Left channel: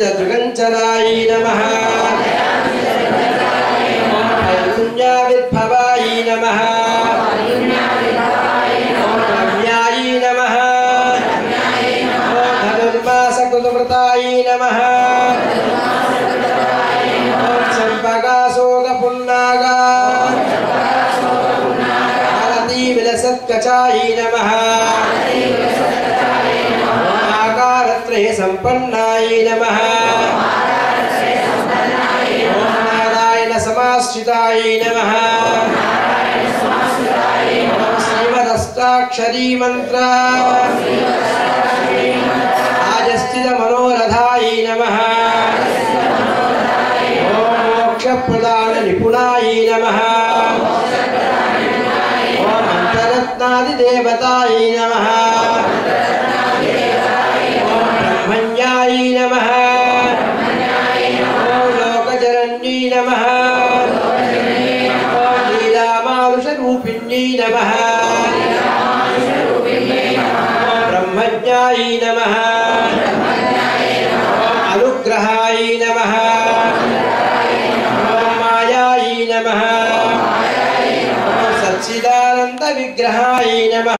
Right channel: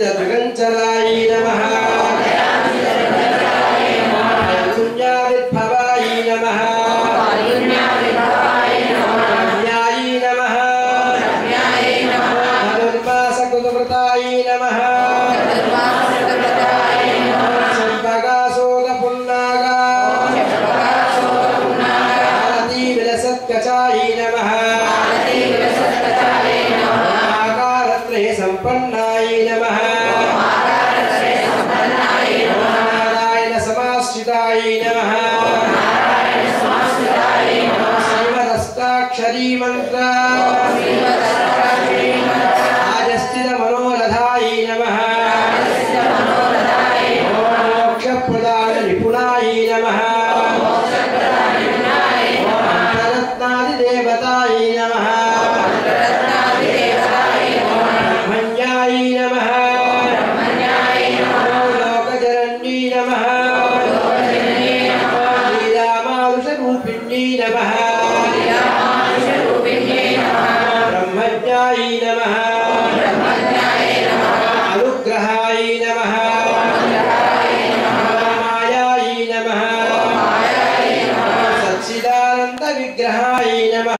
दयासिदृगञ्चनाय नमः पुण्याविद्भवाय नमः रम्याय नमः धनुर्मासकृतव्रताय नमः चम्पकाशोकपुन्नागा आरतीविलसत्कचाय नमः आकारत्रये सम्पन्नाय नमः समाश्रिताय नमः श्रीमदष्टाक्षरी मंत्र आजस्थित मनोरथाय नमः मोक्षप्रदान निपुणाय नमः मंत्ररत्नादिदेवताय नमः ब्रह्मण्याय नमः लोकजनन्यै नमः नमः ब्रह्मज्ञाय नमः